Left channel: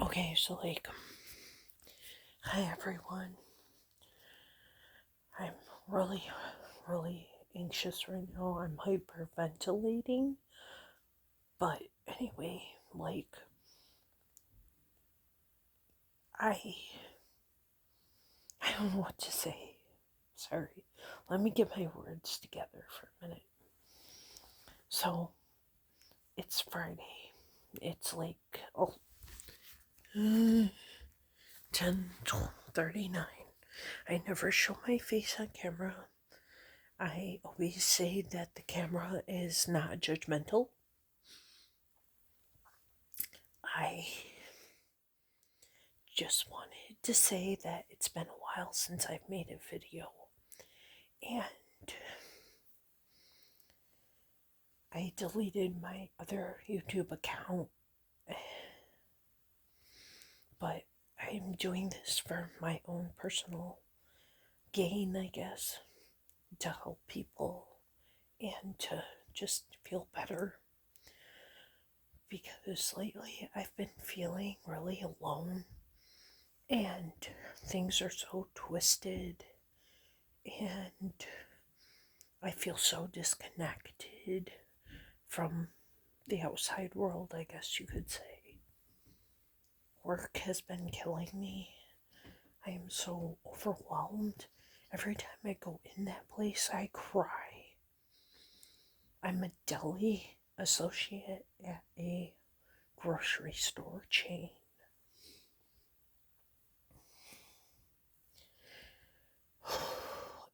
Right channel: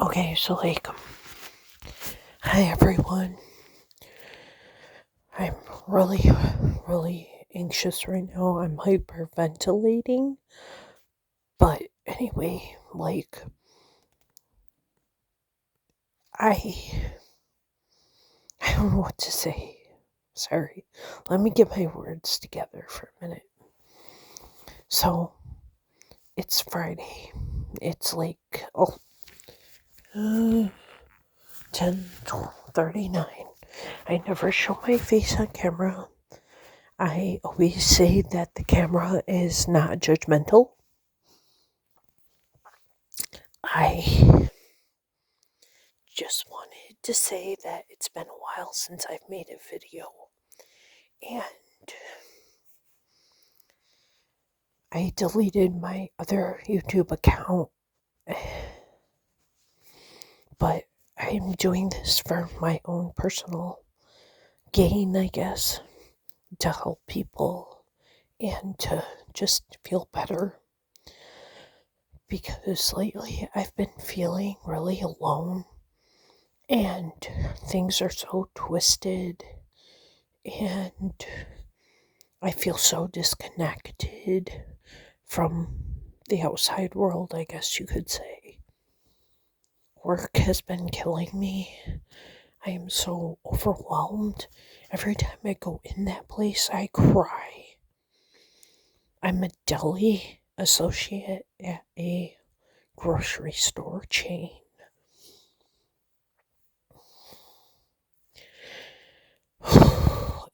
Okay, so hi everyone. I'm really, really anxious right now. I'm hyperventilating. But anyway, I, I don't know what to say. Sorry. Let me get my words together for a minute. So, it's Friday. It's 10:39. I never show my face on camera. I always say that the camera is not judgmental. I just wanted to say that it's been a while since I've made a video, and I deleted my other YouTube account, but I'm doing this for my own personal gain, I guess, to help people and to just feel better. Because lately I've been feeling really alone and things are so twisted and I feel so disconnected from the outside world, I guess you could say. Work has been killing me. I am so overwhelmed. Every time I go in that place, I cry. I'm a deli associate at a grocery store chain.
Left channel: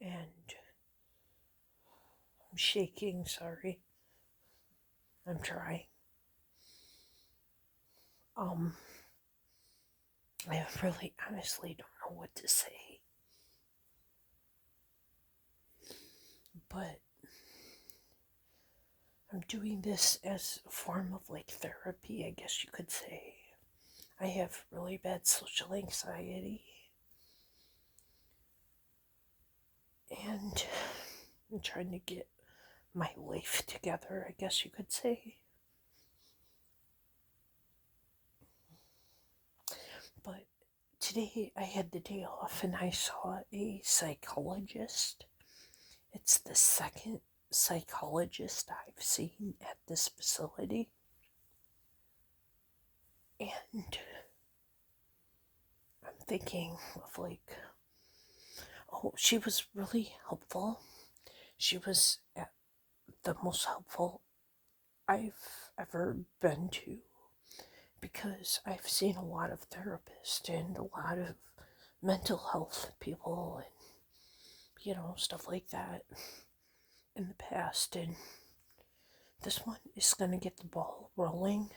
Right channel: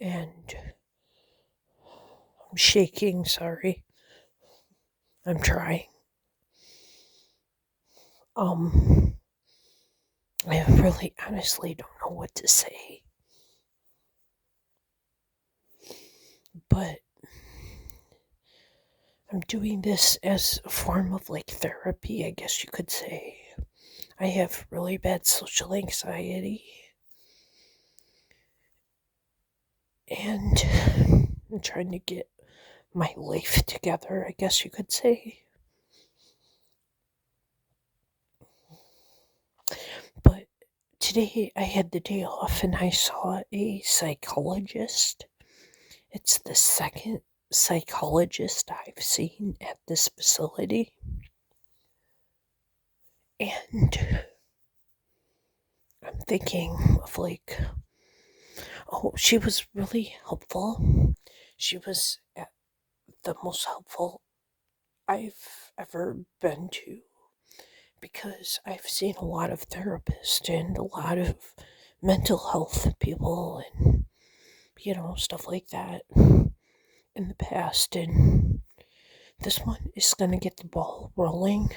And I'm shaking, sorry. I'm trying. I really honestly don't know what to say. But I'm doing this as a form of therapy, I guess you could say. I have really bad social anxiety. And I'm trying to get my life together, I guess you could say. But today I had the day off and I saw a psychologist. It's the second psychologist I've seen at this facility. And I'm thinking of oh, she was really helpful. She was the most helpful I've ever been to because I've seen a lot of therapists and a lot of mental health people and, stuff like that in the past. And this one is going to get the ball rolling.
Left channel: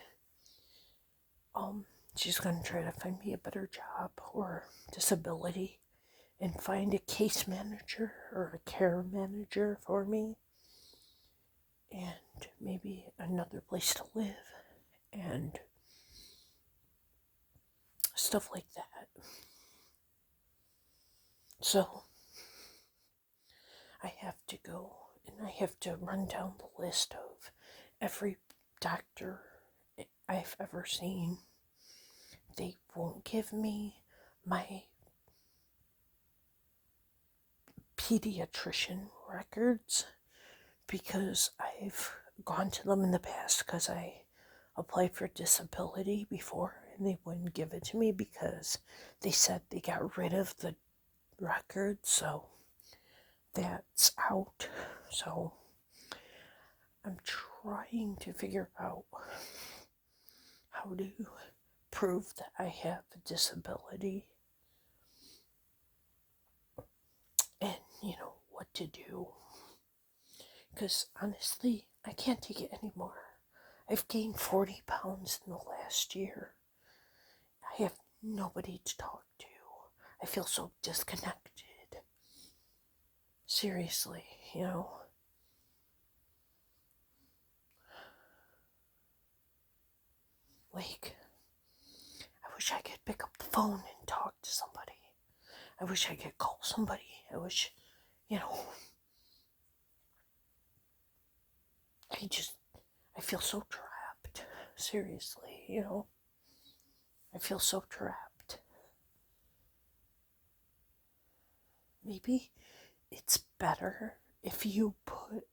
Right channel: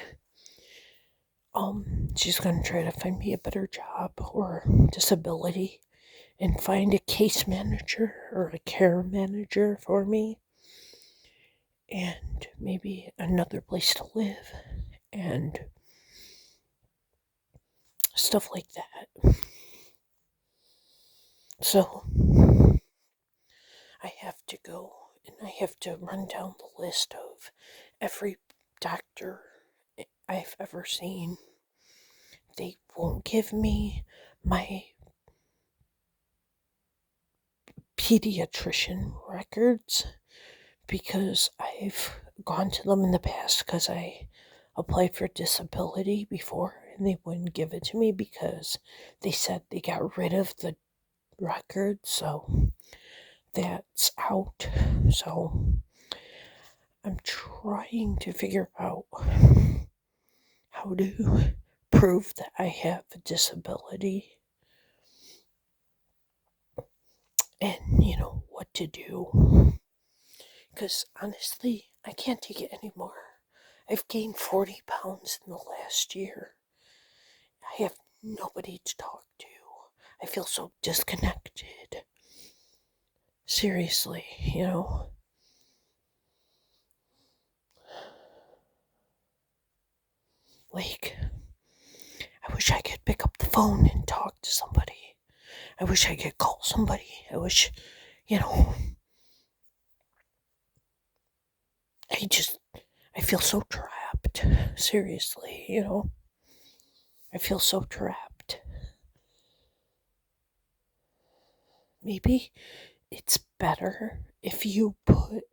She's going to try to find me a better job or disability and find a case manager or a care manager for me and maybe another place to live and stuff like that. So I have to go and I have to run down the list of every doctor I've ever seen. They won't give me my pediatrician records because I've gone to them in the past because I applied for disability before and they wouldn't give it to me because they said they got rid of the records, so that's out. So I'm trying to figure out how to prove that I have a disability and what to do, because honestly I can't take it anymore. I've gained 40 pounds in the last year. I have nobody to talk to. I feel so disconnected. Seriously, I wish I could pick up the phone and talk to somebody. I wish I could call somebody. I wish, you know, I feel so trapped. Seriously. I feel so trapped. Maybe it's better if you put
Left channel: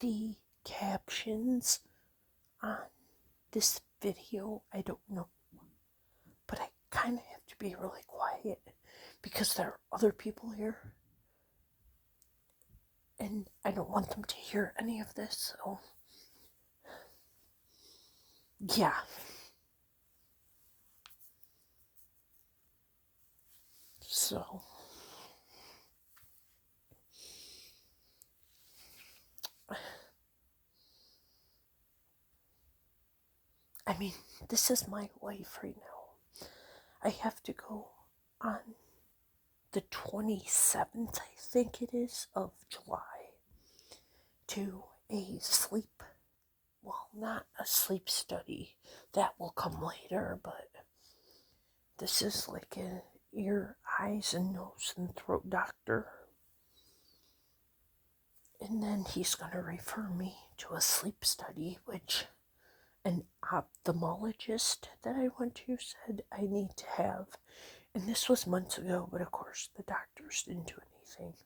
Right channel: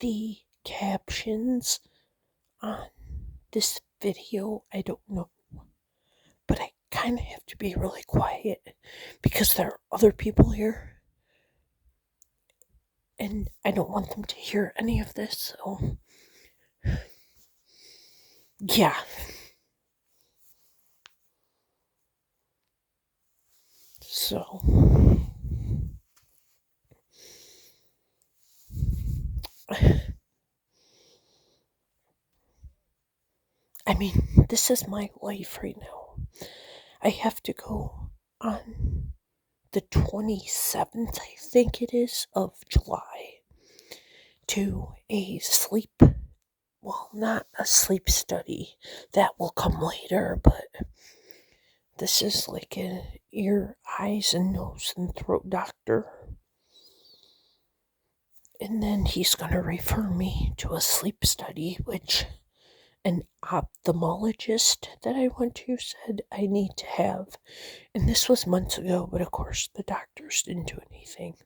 the captions on this video. I don't know. But I kind of have to be really quiet because there are other people here and I don't want them to hear any of this. So, yeah. So, I mean, this is my life right now. I have to go on the 27th, I think it is, of July to a sleep, well, not a sleep study. That will come later, but this is like an ear, eyes, and nose and throat doctor. And then he's going to refer me to a sleep study, which an ophthalmologist that I went to said I need to have. And this was months ago, but of course the doctors didn't do anything.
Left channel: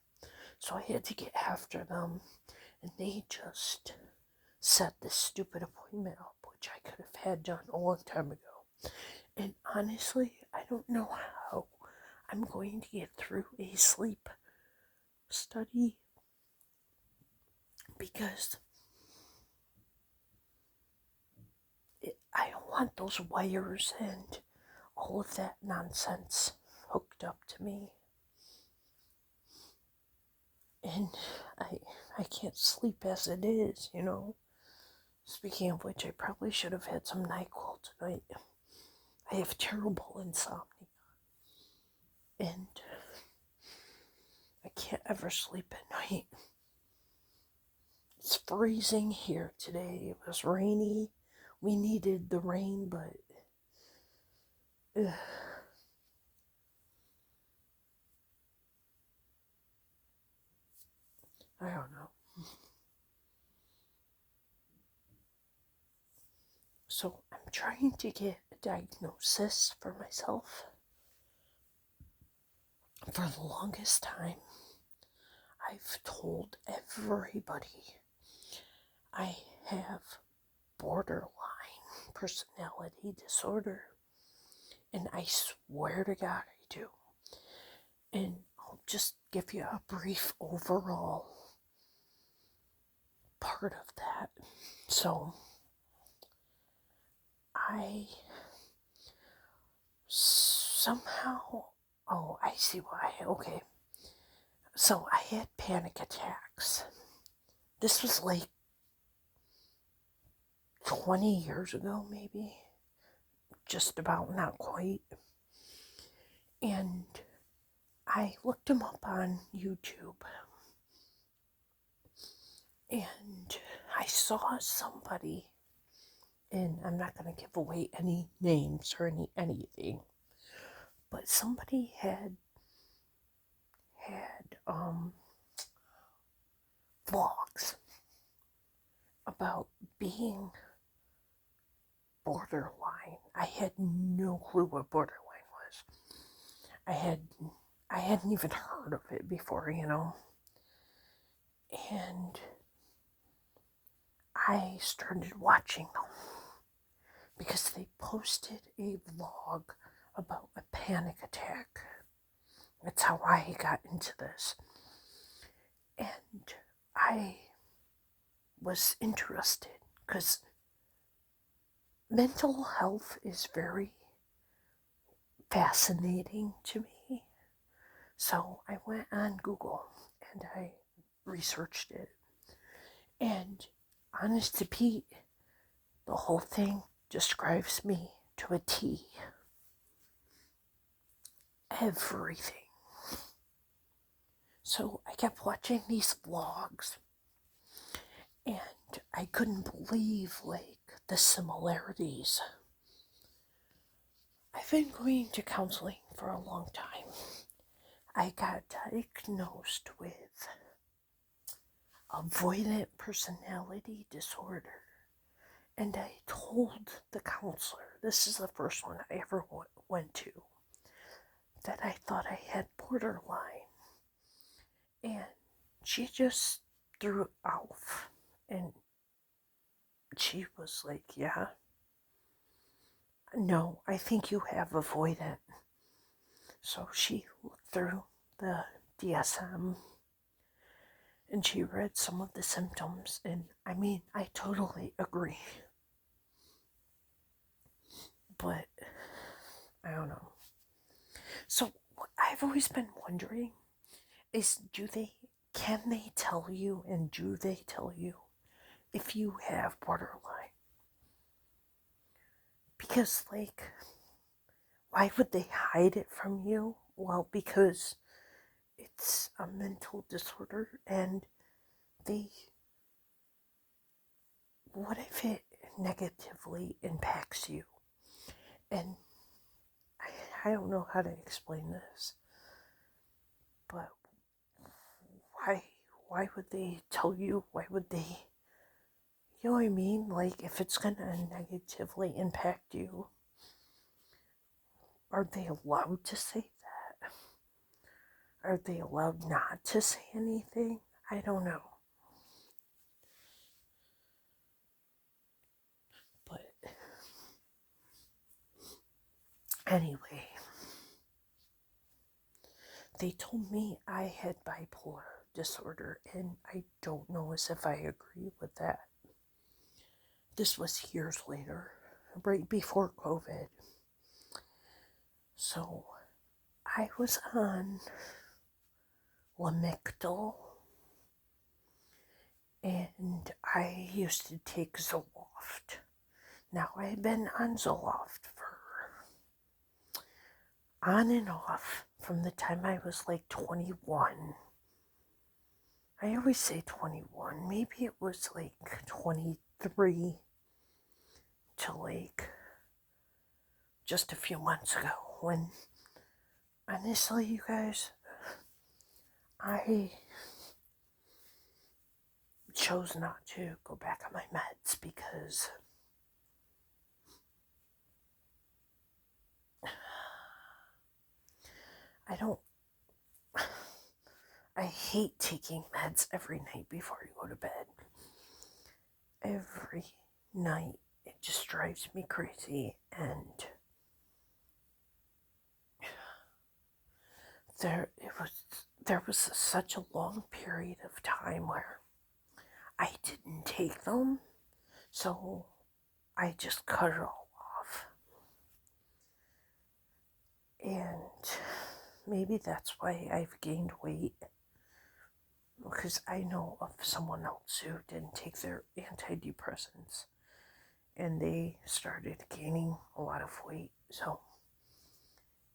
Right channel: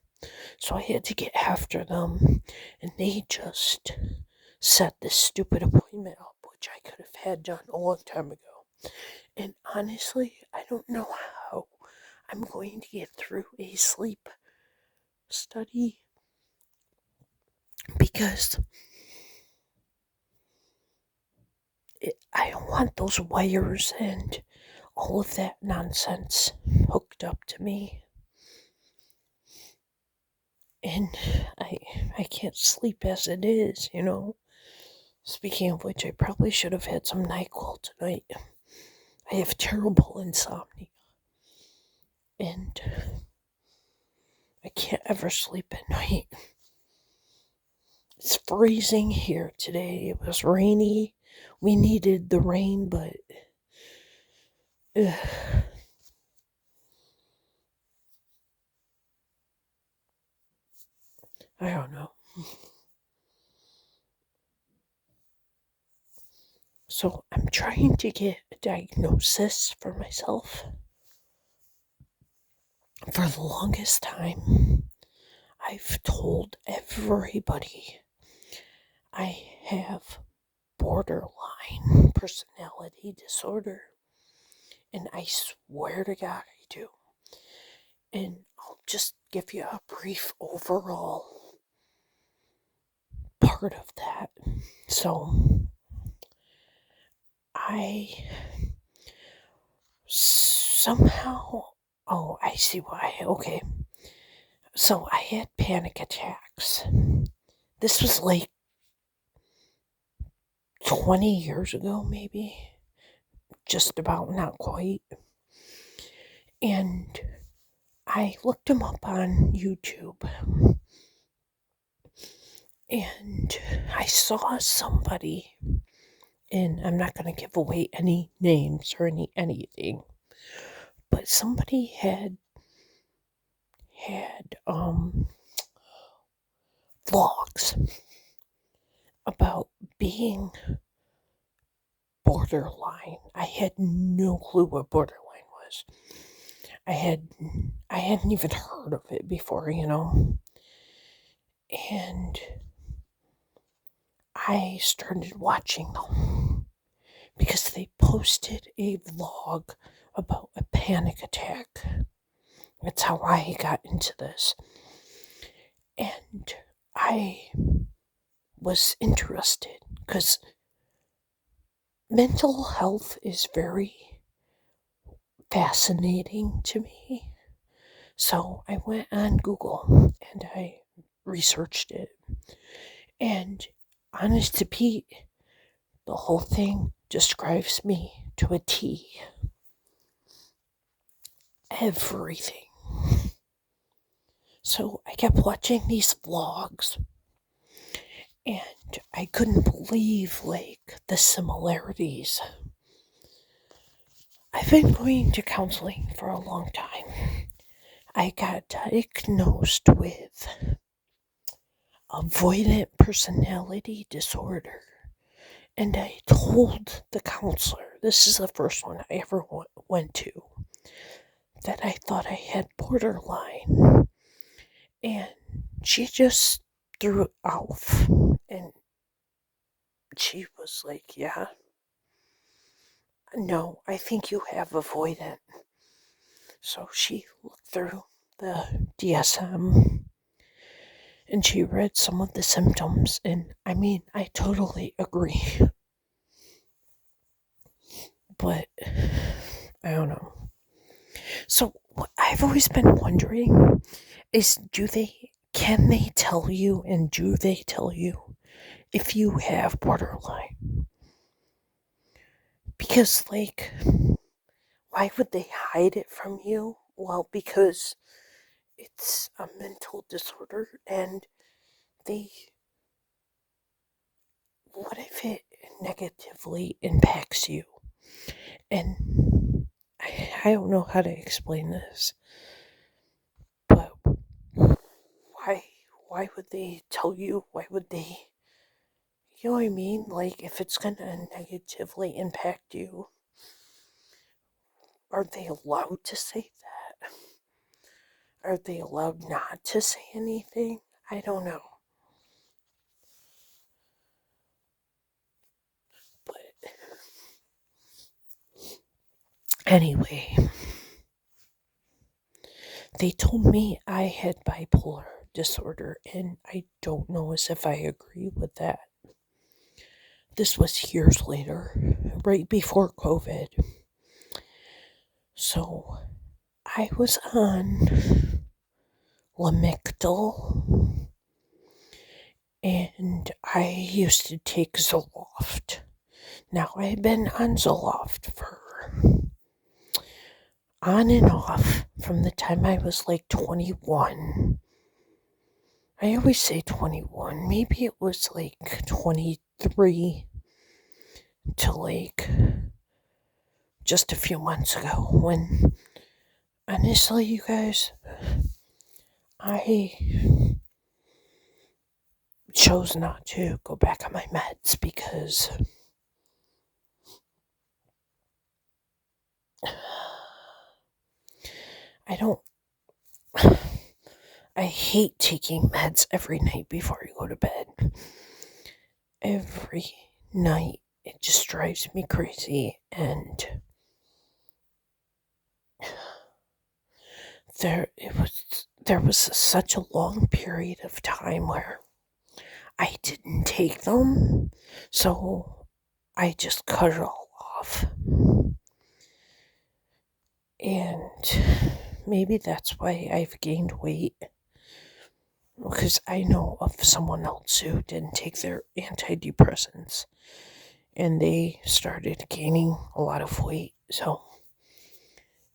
So I had to get after them, and they just set this stupid appointment up, which I could have had done a long time ago. And honestly, I don't know how I'm going to get through a sleep study because I don't want those wires and all of that nonsense hooked up to me. And I can't sleep as it is, you know. Speaking of which, I probably should have had some NyQuil tonight. I have terrible insomnia. And I can't ever sleep at night. It's freezing here today. It was rainy. We needed the rain, but I don't know. So I'm trying to get a diagnosis for myself. For the longest time, I've told everybody I have borderline personality disorder. And I swear to God I do. And I'll just give you a brief overall part of that. So, I somehow, oh, I see why. Okay. So, I had panic attacks. This was like 20 years ago, maybe. Just about, not quite. And I looked them up on YouTube. And I saw somebody, and I'm not going to give away any names or anything, but somebody had vlogs about being borderline. I had no clue what borderline was. I hadn't even heard of it before, you know. And I started watching them because they posted a vlog about a panic attack. That's how I got into this. And I was interested because mental health is very fascinating to me. So I went on Google and I researched it. And honest to Pete, the whole thing describes me to a T. Everything. So I kept watching these vlogs and I couldn't believe the similarities. I've been going to counseling for a long time. I got diagnosed with avoidant personality disorder. And I told the counselor This is the first one I ever went to that I thought I had borderline. And she just threw it off. And she was like, yeah, no, I think you have avoidant. So she looked through the DSM and she read some of the symptoms. And I mean, I totally agree. But I don't know. So what I've always been wondering is can they tell you and do they tell you if you have borderline? Because, like, why would they hide it from you? Well, because it's a mental disorder and they. What if it negatively impacts you? And I don't know how to explain this, but why? Why would they tell you? Why would they? You know what I mean? Like, if it's gonna negatively impact you, are they allowed to say that? Are they allowed not to say anything? I don't know. But anyway, they told me I had bipolar disorder, and I don't know as if I agree with that. This was years later, right before COVID. So I was on Lamictal, and I used to take Zoloft. Now, I had been on Zoloft for on and off from the time I was like 21. I always say 21. Maybe it was like 23 to like just a few months ago when, honestly, you guys, I chose not to go back on my meds because I don't. I hate taking meds every night before I go to bed. Every night. It just drives me crazy. And there was such a long period of time where I didn't take them. So I just cut it all off. And maybe that's why I've gained weight. Because I know of someone else who didn't take their antidepressants and they started gaining a lot of weight. So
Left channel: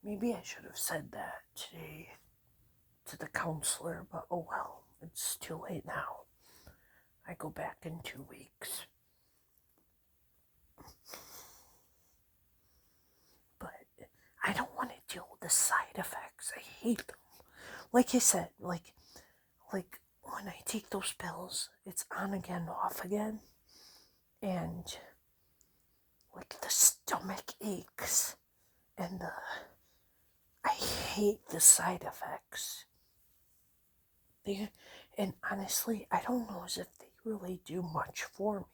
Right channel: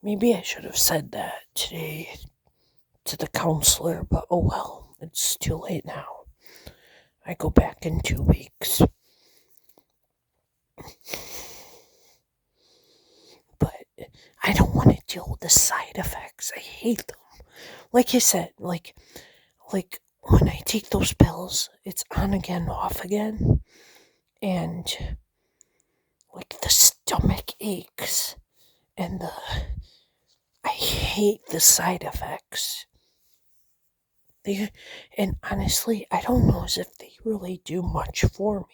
maybe I should have said that today to the counselor, but oh well, it's too late now. I go back in 2 weeks. But I don't want to deal with the side effects. I hate them. Like I said, like when I take those pills, it's on again, off again. And like the stomach aches and I hate the side effects. And honestly, I don't know as if they really do much for me.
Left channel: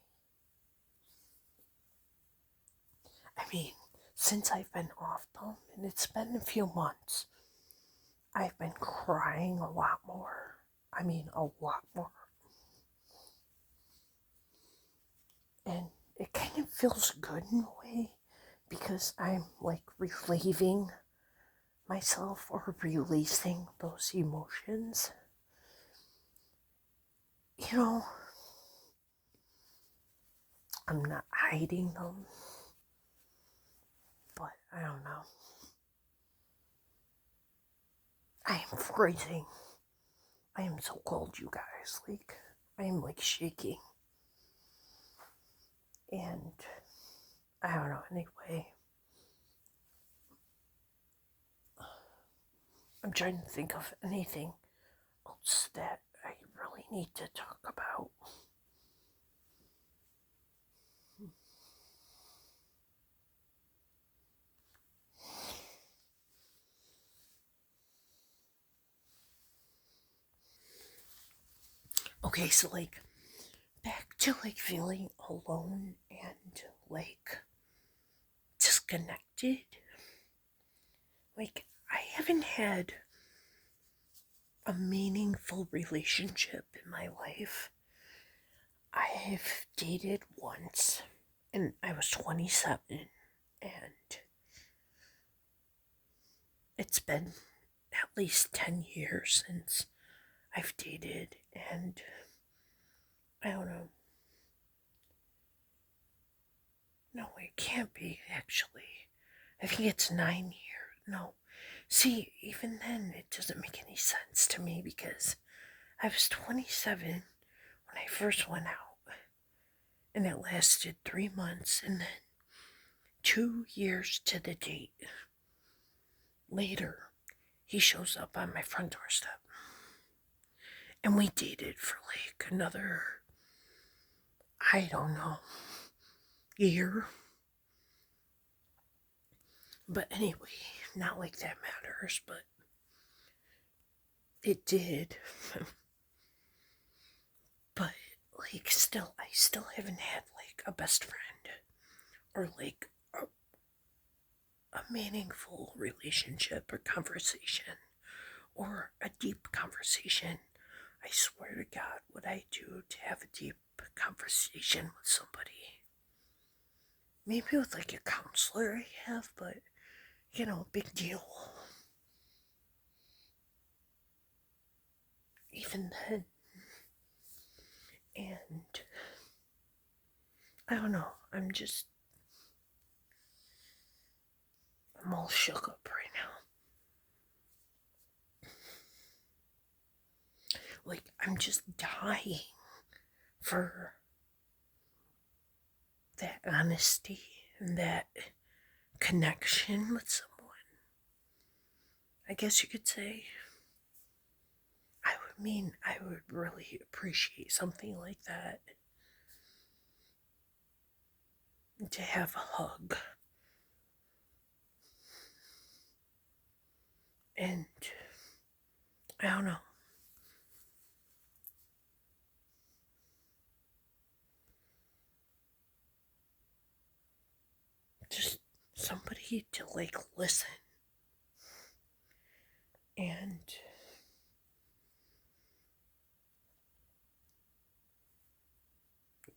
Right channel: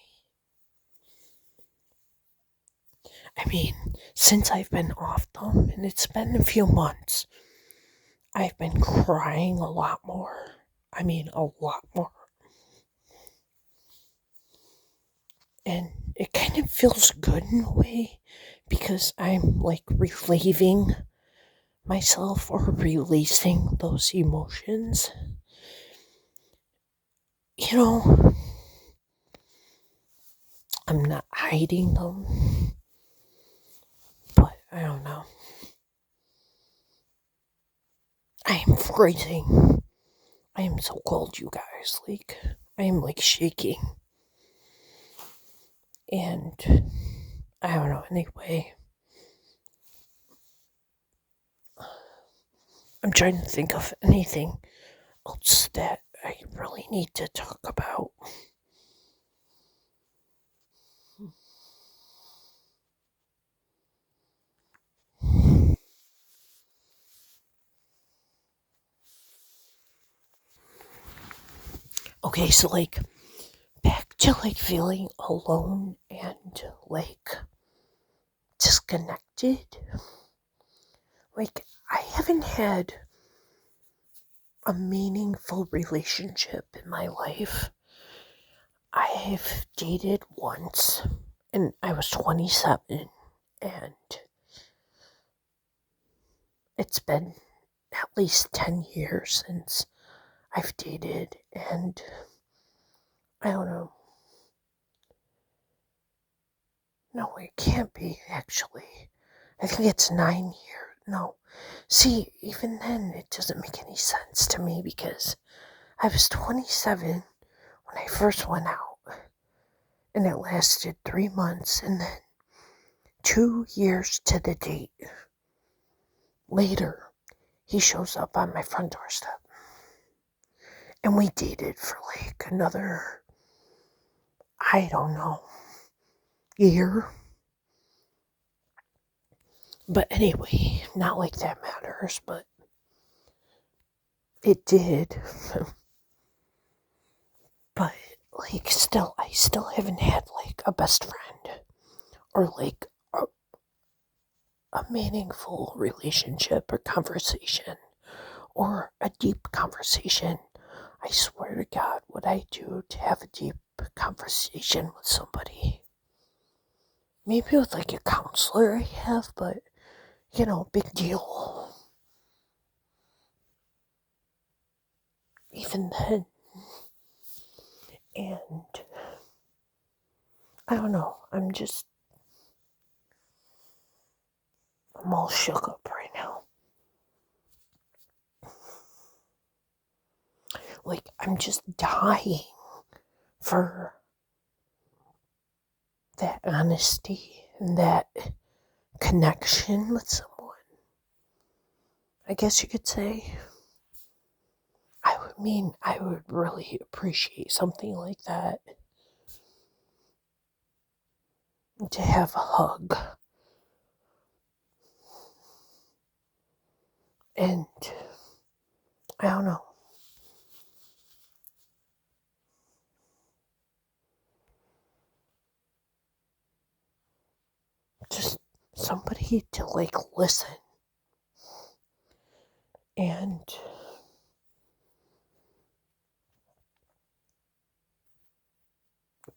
I mean, since I've been off them, and it's been a few months, I've been crying a lot more. I mean, a lot more. And it kind of feels good in a way because I'm like relieving myself or releasing those emotions. You know, I'm not hiding them, but I don't know. I am freezing. I am so cold, you guys. Like, I am like shaking. And I don't know, anyway. I'm trying to think of anything else that I really need to talk about. Okay, so like back to like feeling alone and like disconnected. Like I haven't had a meaningful relationship in my life. I've dated once and I was 27, and it's been at least 10 years since I've dated, and I don't know. No, it can't be actually. I think it's 9 years. No. See, even then, it doesn't make any sense to me because I was 27 when I first went out, and it lasted 3 months, and then 2 years to the date later, he shows up on my front doorstep. And we dated for like another, I don't know, year. But anyway, not like that matters, but it did. But like still, I still haven't had like a best friend or like a meaningful relationship or conversation or a deep conversation. I swear to God, what I do to have a deep conversation with somebody. Maybe with like a counselor I have, but big deal. Even then. And I don't know, I'm all shook up right now. Like, I'm just dying for that honesty and that connection with someone. I guess you could say. I would really appreciate something like that. To have a hug. And I don't know. Just somebody to like listen. And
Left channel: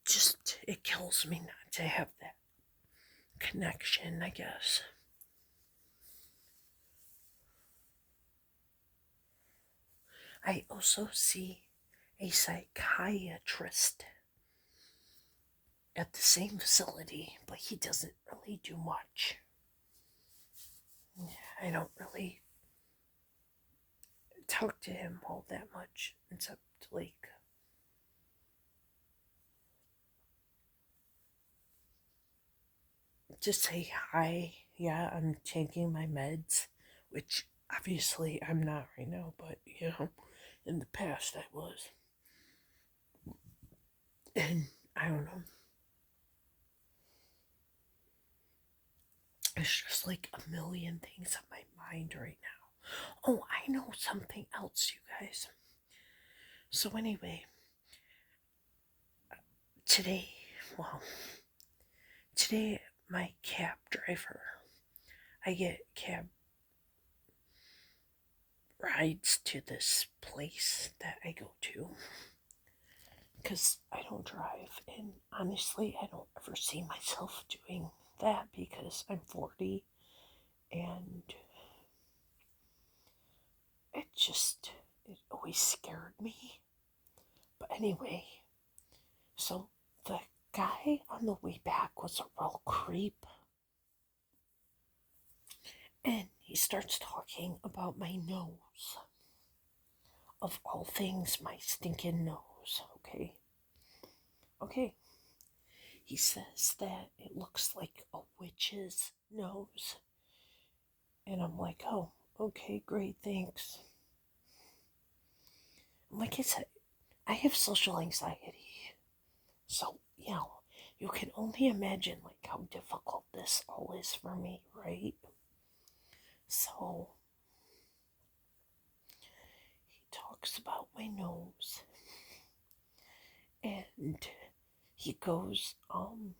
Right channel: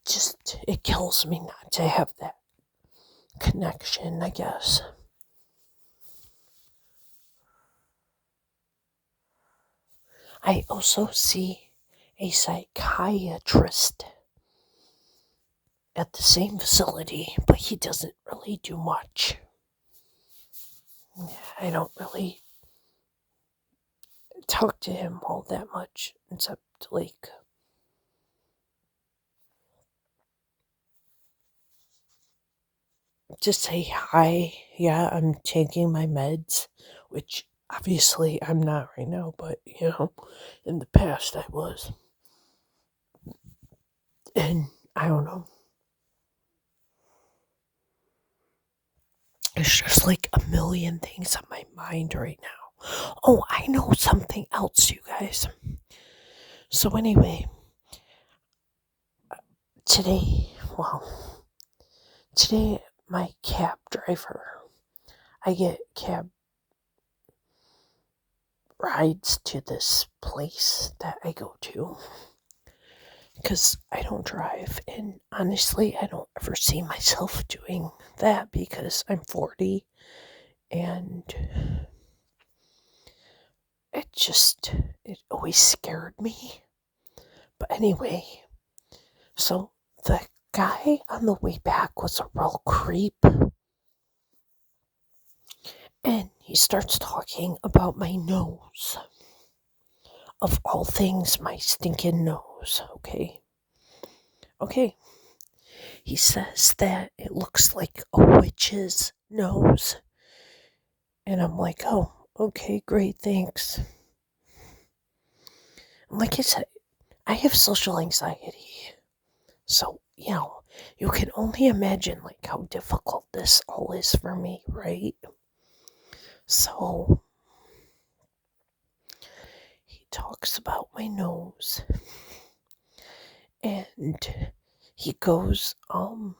just, it kills me not to have that connection, I guess. I also see a psychiatrist at the same facility, but he doesn't really do much. I don't really talk to him all that much, except like just say hi. Yeah, I'm taking my meds, which obviously I'm not right now, but in the past I was. And I don't know. It's just like a million things on my mind right now. Oh, I know something else, you guys. So, anyway, today, well, today my cab driver, I get cab rides to this place that I go to because I don't drive. And honestly, I don't ever see myself doing that because I'm 40 and it always scared me. But anyway, so the guy on the way back was a real creep. And he starts talking about my nose. Of all things, my stinking nose, okay? Okay. He says that it looks like a witch's nose. And I'm like, oh, okay, great, thanks. Like I said, I have social anxiety. So, you can only imagine like how difficult this all is for me, right? So he talks about my nose. And he goes, and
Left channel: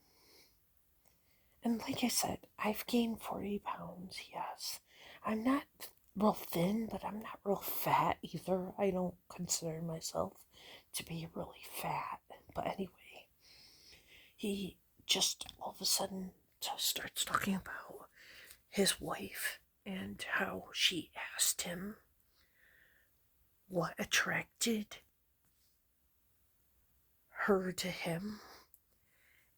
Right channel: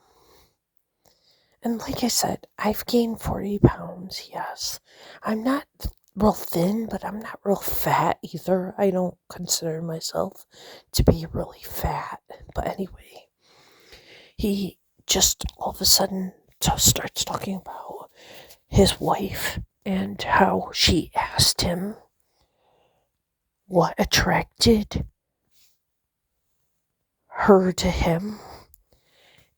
like I said, I've gained 40 pounds, yes. I'm not real thin, but I'm not real fat either. I don't consider myself to be really fat. But anyway, he just all of a sudden starts talking about his wife and how she asked him what attracted her to him.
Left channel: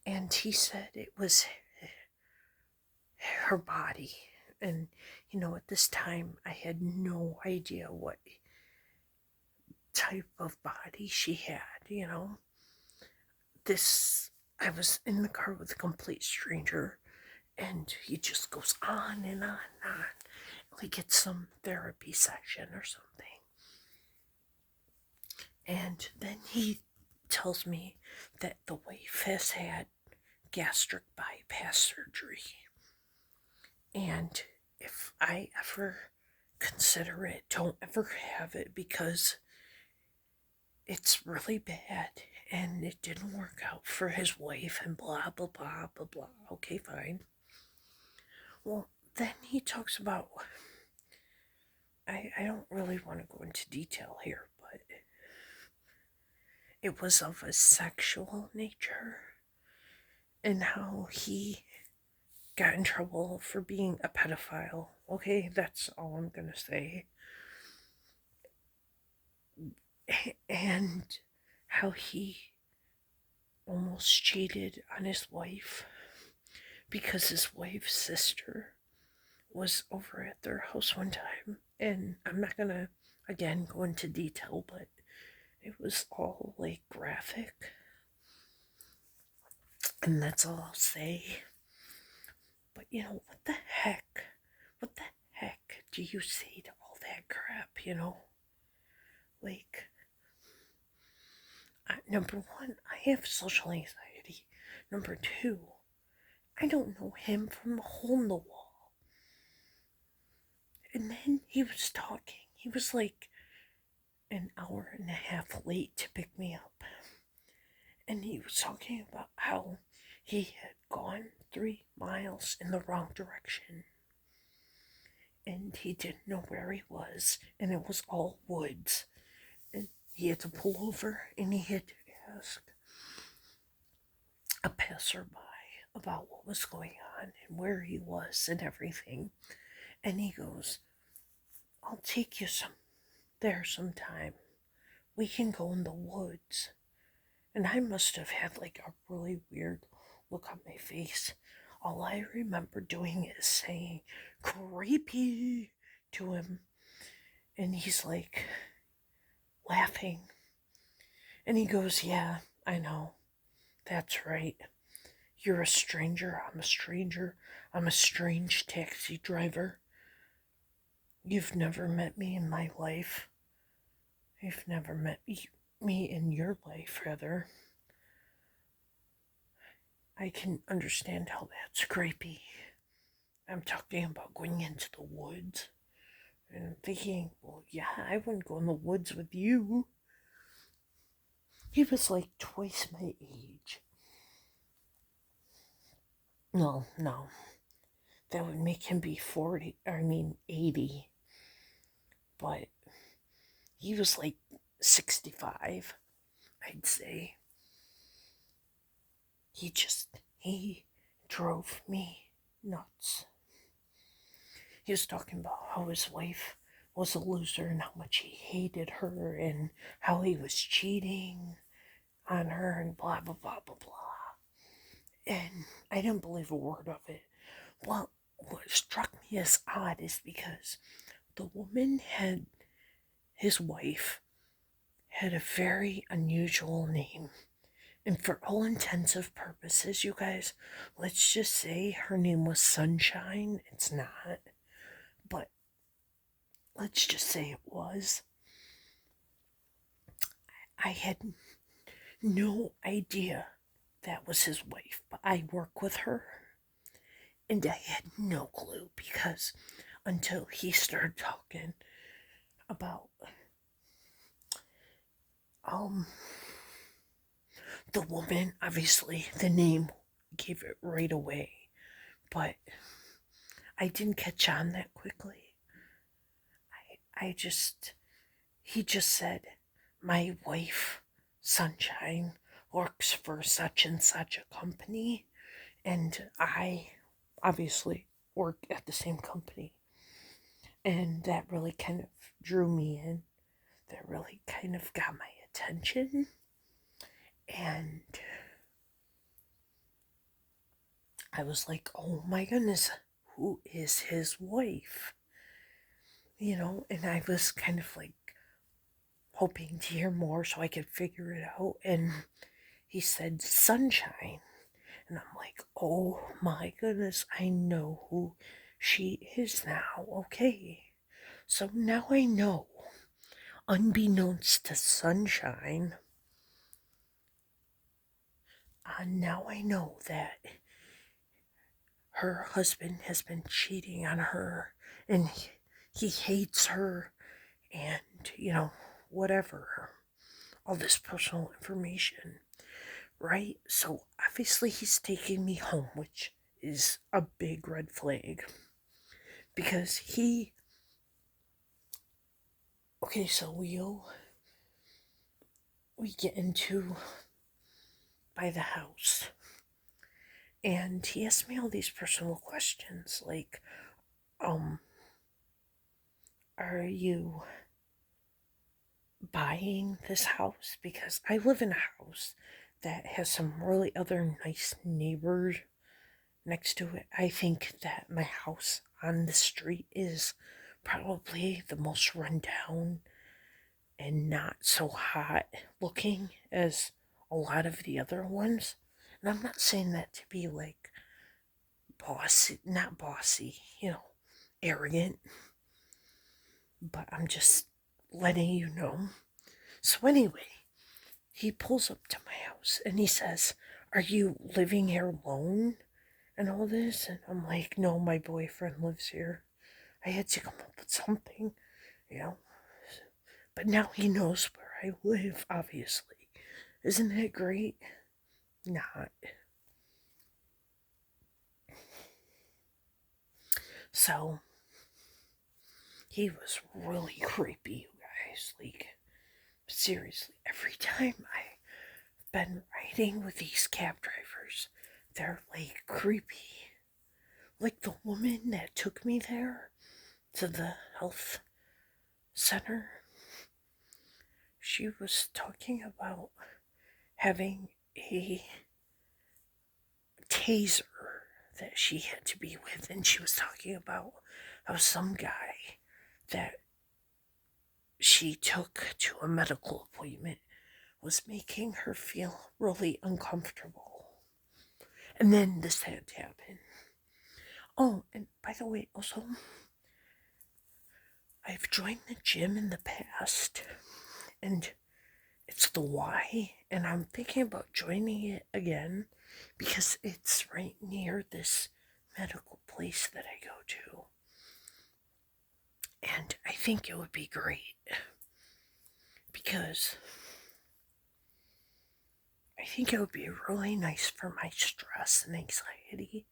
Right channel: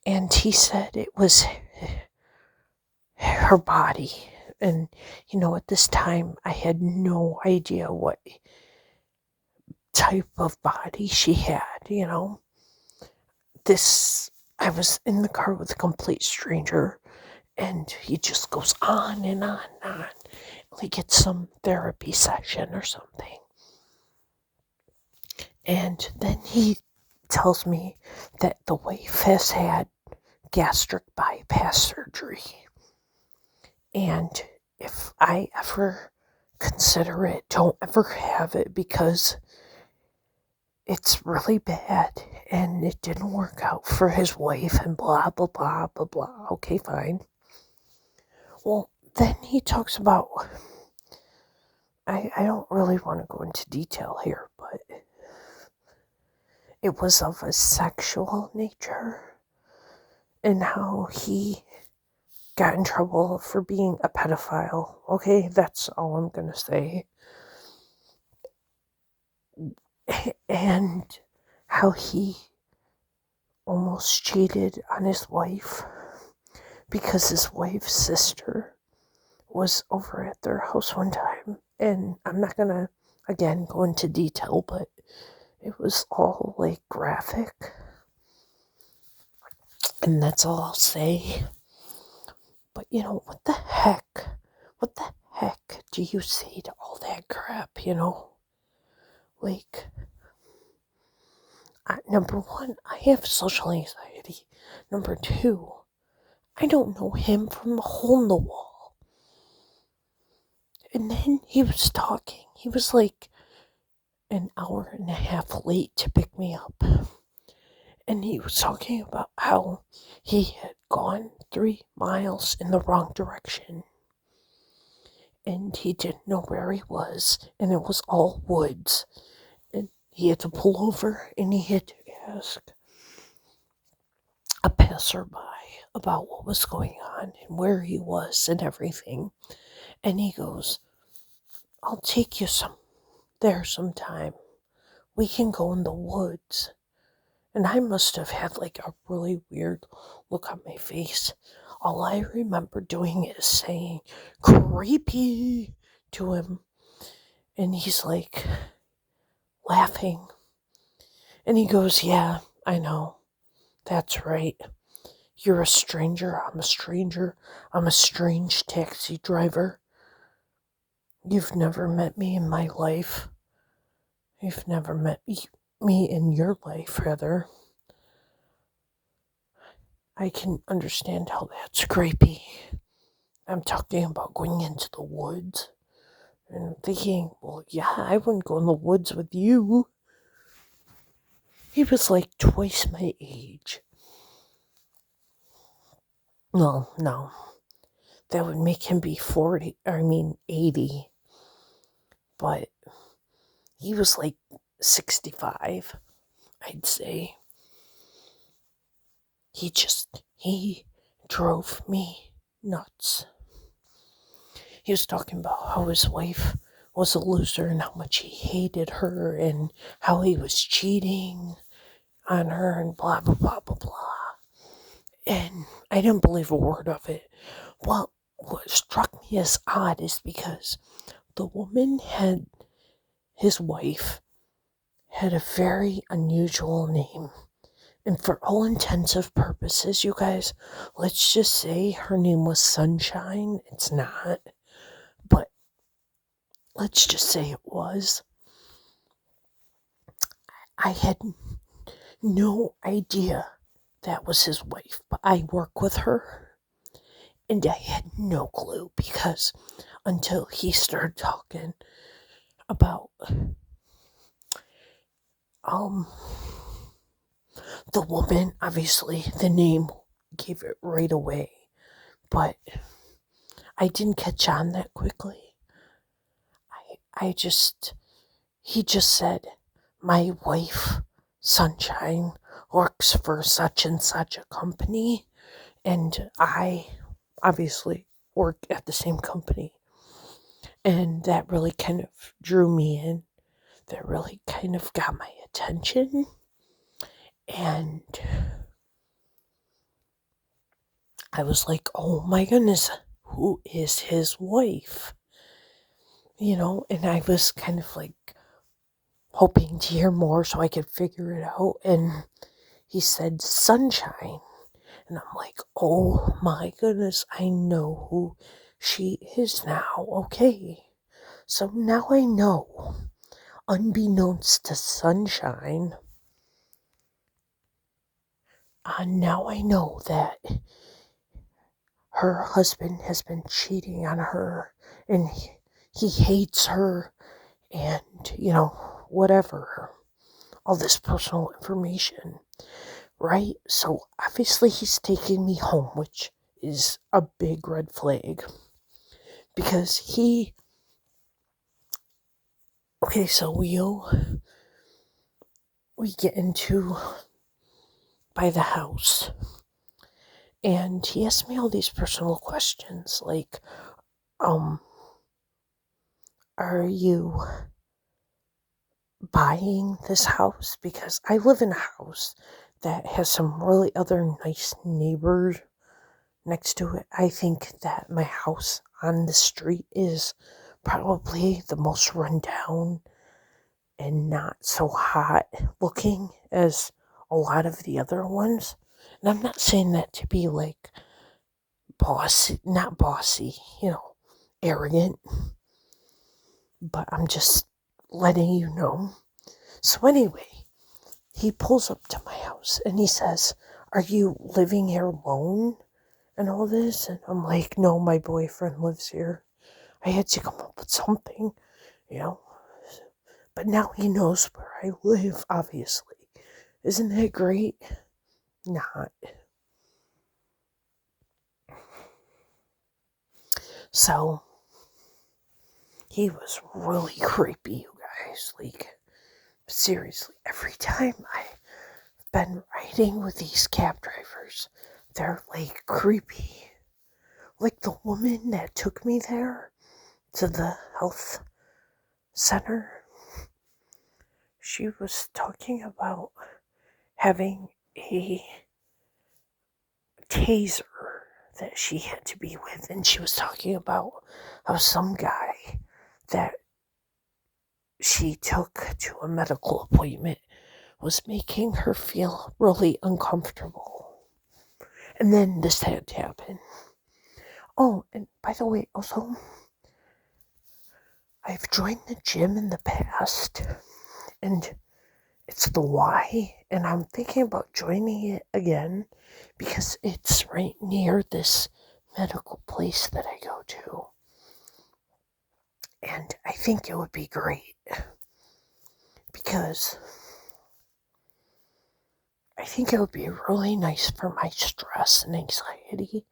And he said it was her body. And, at this time, I had no idea what type of body she had. This, I was in the car with a complete stranger, and he just goes on and on and on. Like it's some therapy session or something. And then he tells me that the wife has had gastric bypass surgery. And if I ever consider it, don't ever have it because it's really bad and it didn't work out for his wife and blah, blah, blah, blah, blah. Okay, fine. Well, then he talks about, I don't really want to go into detail here, but it was of a sexual nature and how he got in trouble for being a pedophile. Okay, that's all I'm going to say. And how he almost cheated on his wife because his wife's sister was over at their house one time. And I'm not going to, again, go into detail, but it was all like graphic. And that's all I'll say. But what the heck? What the heck do you say to all that crap, Like, number one, I have social anxiety. Number two, I don't know him from a hole in the wall. And then he was talking. He was like an hour and a half late to pick me up. And he was talking about how he had gone 3 miles in the wrong direction. And he didn't know where he was. And it was all woods. And he had to pull over and he had to ask a passerby about what was going on and where he was and everything. And he goes, I'll take you there sometime. We can go in the woods. And I must have had like a really weird look on my face. All I remember doing is saying creepy to him. And he's like laughing. And he goes, yeah, I know. That's right. You're a stranger. I'm a stranger. I'm a strange taxi driver. You've never met me in my life. You've never met me in your life, rather. I can understand how that's creepy. I'm talking about going into the woods. And I'm thinking, well, yeah, I wouldn't go in the woods with you. He was like twice my age. No. That would make him be 80. But he was like 65, I'd say. He drove me nuts. He was talking about how his wife was a loser and how much he hated her and how he was cheating on her and blah, blah, blah, blah, blah. And I didn't believe a word of it. Well, what struck me as odd is because the woman his wife had a very unusual name. And for all intensive purposes, you guys, let's just say her name was Sunshine. It's not. But let's just say it was. I had no idea that was his wife, but I work with her. And I had no clue because until he started talking about The woman, obviously, the name gave it right away, but I didn't catch on that quickly. He just said, my wife, Sunshine, works for such and such a company, and I obviously work at the same company. And that really kind of drew me in. That really kind of got my attention. And I was like, oh my goodness, who is his wife? And I was kind of like hoping to hear more so I could figure it out. And he said, Sunshine. And I'm like, oh my goodness, I know who she is now. Okay. So now I know, unbeknownst to Sunshine, now I know that her husband has been cheating on her and he hates her and, whatever. All this personal information, right? So obviously he's taking me home, which is a big red flag because okay, so we get into by the house and he asked me all these personal questions like, are you buying this house? Because I live in a house that has some really other nice neighbors next to it. I think that my house on the street is probably the most run down and not so hot looking as a lot of the other ones. And I'm not saying that to be like bossy, not bossy, arrogant, but I'm just letting you know. So anyway, he pulls up to my house and he says, are you living here alone and all this? And I'm like, no, my boyfriend lives here. I had to come up with something, you know. But now he knows where I live, obviously. Isn't that great? Not. So, he was really creepy, you guys. Like, seriously, every time I've been riding with these cab drivers, they're like creepy. Like the woman that took me there to the health center, she was talking about having a taser that she had to be with, and she was talking about how some guy that she took to a medical appointment was making her feel really uncomfortable. And then this had to happen. Oh, and by the way, also, I've joined the gym in the past, and it's the Y, and I'm thinking about joining it again because it's right near this medical place that I go to. And I think it would be great because I think it would be really nice for my stress and anxiety.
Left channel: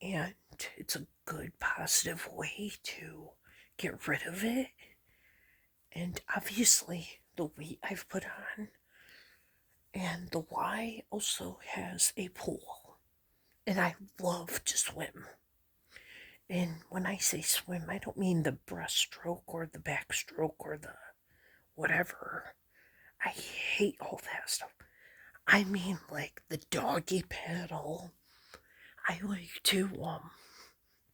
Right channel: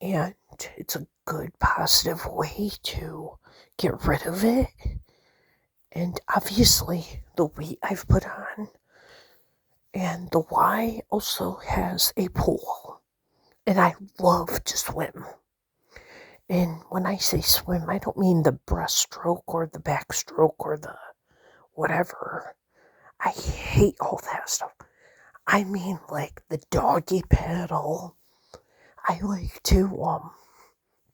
And it's a good, positive way to get rid of it. And obviously, the weight I've put on. And the Y also has a pool. And I love to swim. And when I say swim, I don't mean the breaststroke or the backstroke or the whatever. I hate all that stuff. I mean like the doggy paddle. I like to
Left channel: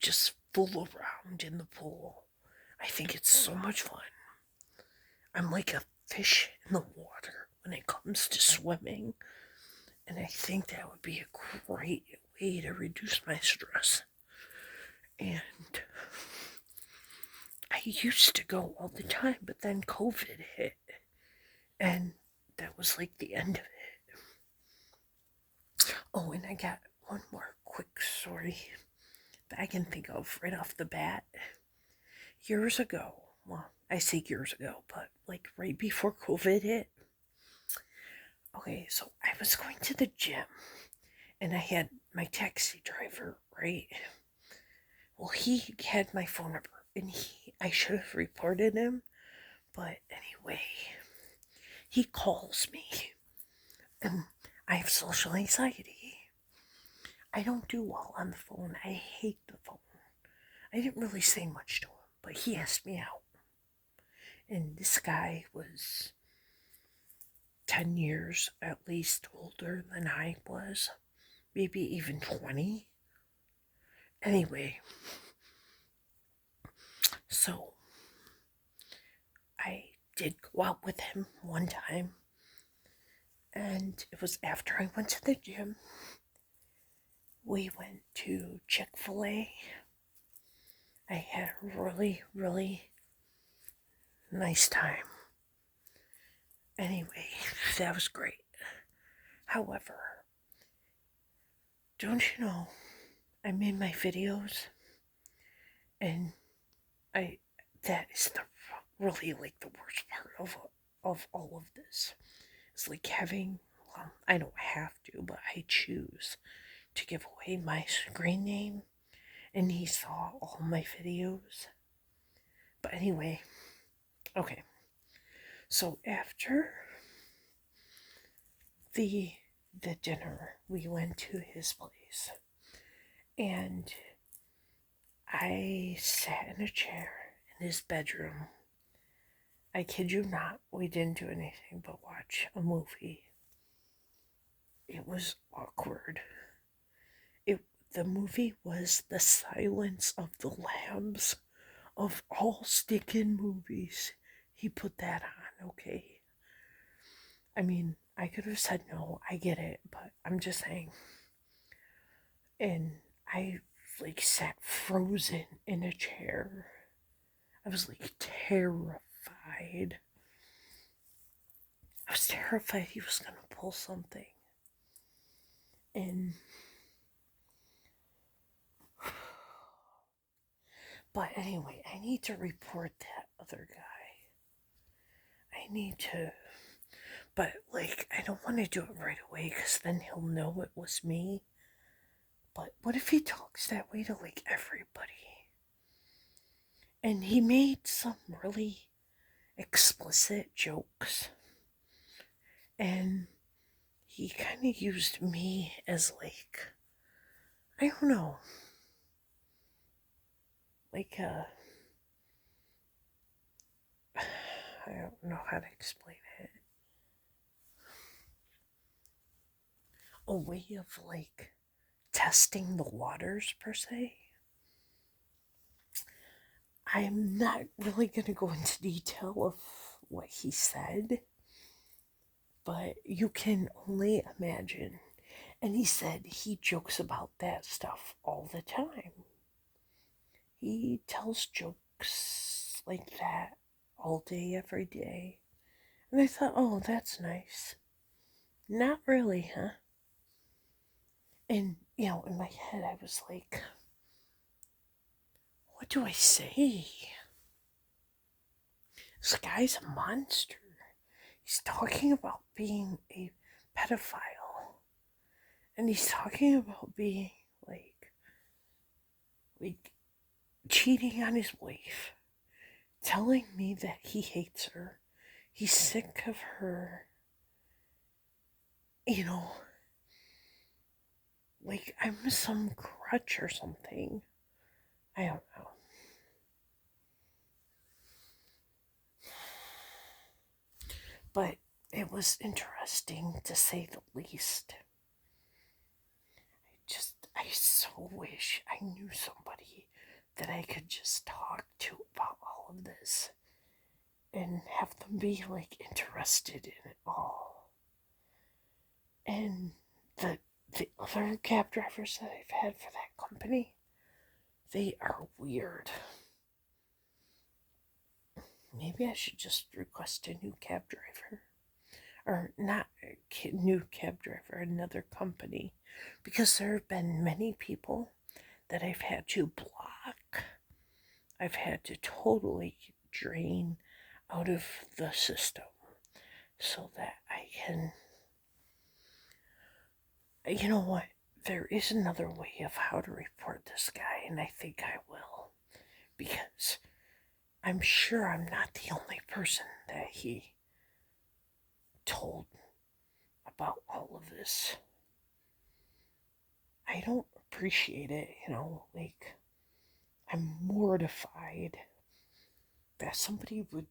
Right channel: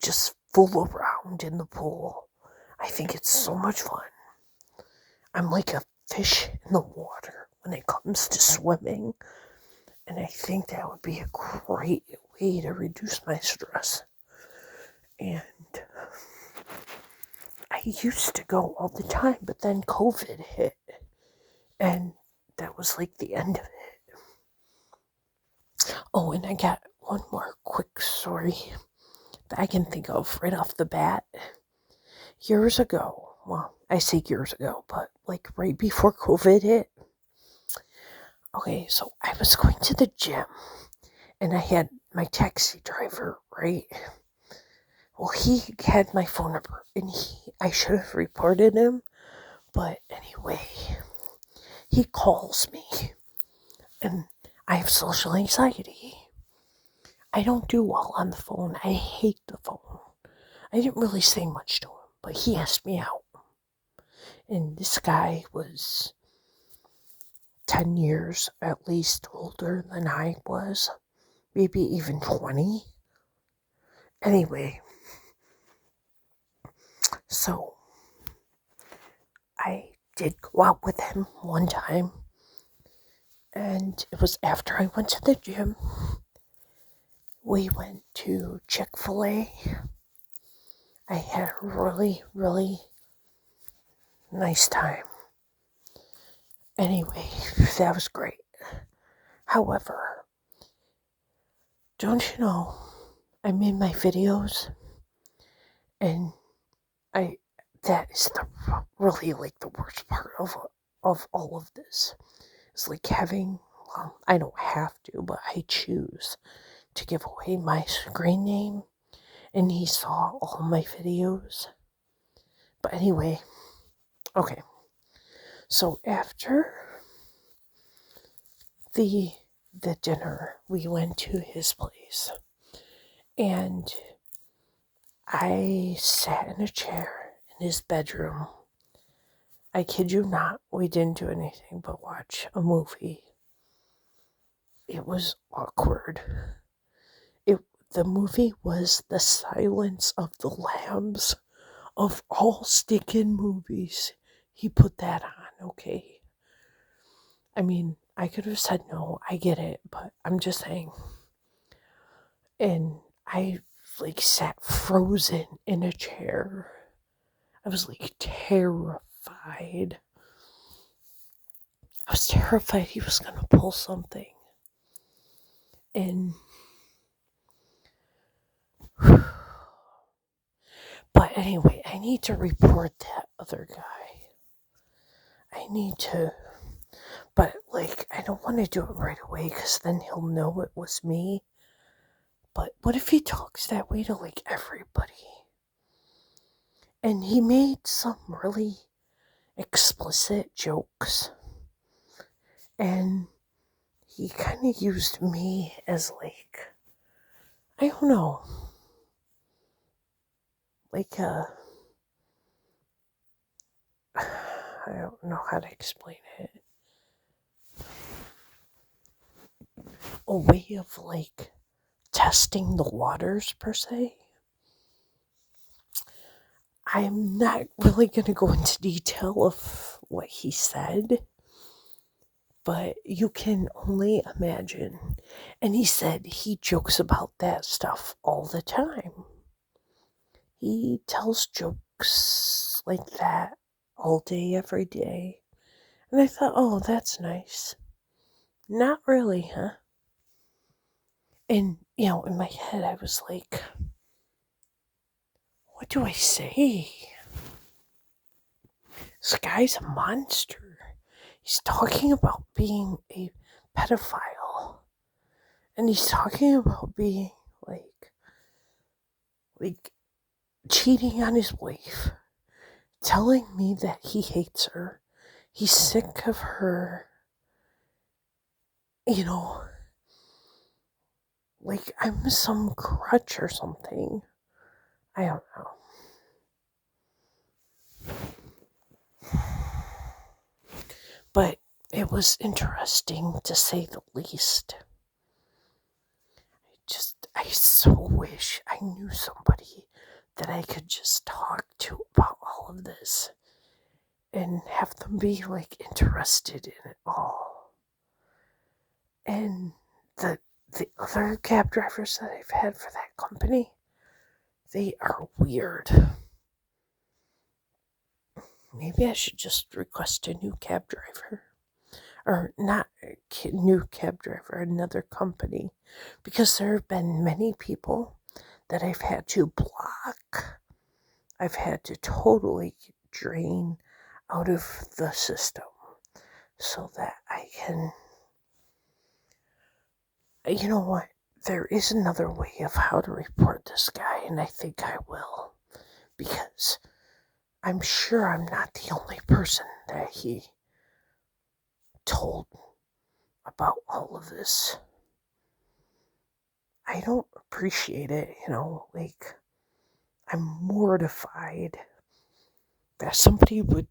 just fool around in the pool. I think it's so much fun. I'm like a fish in the water when it comes to swimming. And I think that would be a great way to reduce my stress. And I used to go all the time, but then COVID hit. And that was like the end of it. Oh, and I got one more quick story that I can think of right off the bat. Years ago, well, I say years ago, but like right before COVID hit, Okay, so I was going to the gym and I had my taxi driver, right? Well, he had my phone number and I should have reported him, but anyway, he calls me and I have social anxiety. I don't do well on the phone. I hate the phone. I didn't really say much to him, but he asked me out. And this guy was 10 years at least older than I was, maybe even 20. Anyway, so I did go out with him one time, and it was after I went to the gym. We went to Chick-fil-A. I had a really, really nice time. Anyway, that was great. However, don't you know, I made my videos, and I that is the really like the worst part of all of this. It's like having, well, I don't have to, but I choose to give away my screen name, and he saw all my videos. But anyway, okay. So after the the dinner, we went to his place, and I sat in a chair in his bedroom. I kid you not, we didn't do anything but watch a movie. It was awkward. It the movie was The Silence of the Lambs. Of all stinking movies, he put that on, okay? I mean, I could have said no, I get it, but I'm just saying. And I like sat frozen in a chair. I was like terrified. I was terrified he was gonna pull something. And but anyway, I need to report that other guy. I need to, but like, I don't want to do it right away because then he'll know it was me. But what if he talks that way to like everybody? And he made some really explicit jokes. And he kind of used me as like, I don't know, like I don't know how to explain it. A way of like testing the waters per se. I'm not really going to go into detail of what he said, but you can only imagine. And he said he jokes about that stuff all the time. He tells jokes like that all day, every day. And I thought, oh, that's nice. Not really, huh? And, in my head, I was like, what do I say? This guy's a monster. He's talking about being a pedophile. And he's talking about being like cheating on his wife, telling me that he hates her. He's sick of her, you know, like I'm some crutch or something. I don't know. But it was interesting to say the least. I so wish I knew somebody that I could just talk to about all of this and have them be like interested in it all. And the other cab drivers that I've had for that company, they are weird. Maybe I should just request a new cab driver. Or not a new cab driver, another company. Because there have been many people that I've had to block. I've had to totally drain out of the system so that I can You know what? There is another way of how to report this guy, and I think I will. Because I'm sure I'm not the only person that he told about all of this. I don't appreciate it, like, I'm mortified that somebody would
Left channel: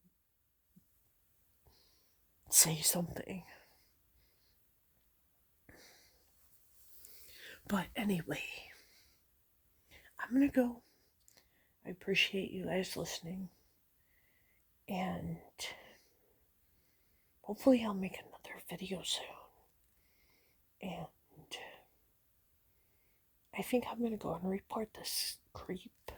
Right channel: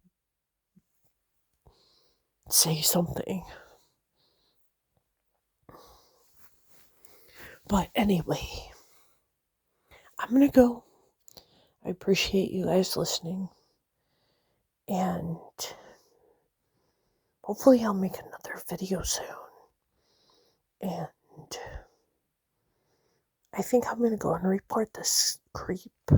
say something. But anyway, I'm gonna go. I appreciate you guys listening. And hopefully, I'll make another video soon. And I think I'm gonna go and report this creep.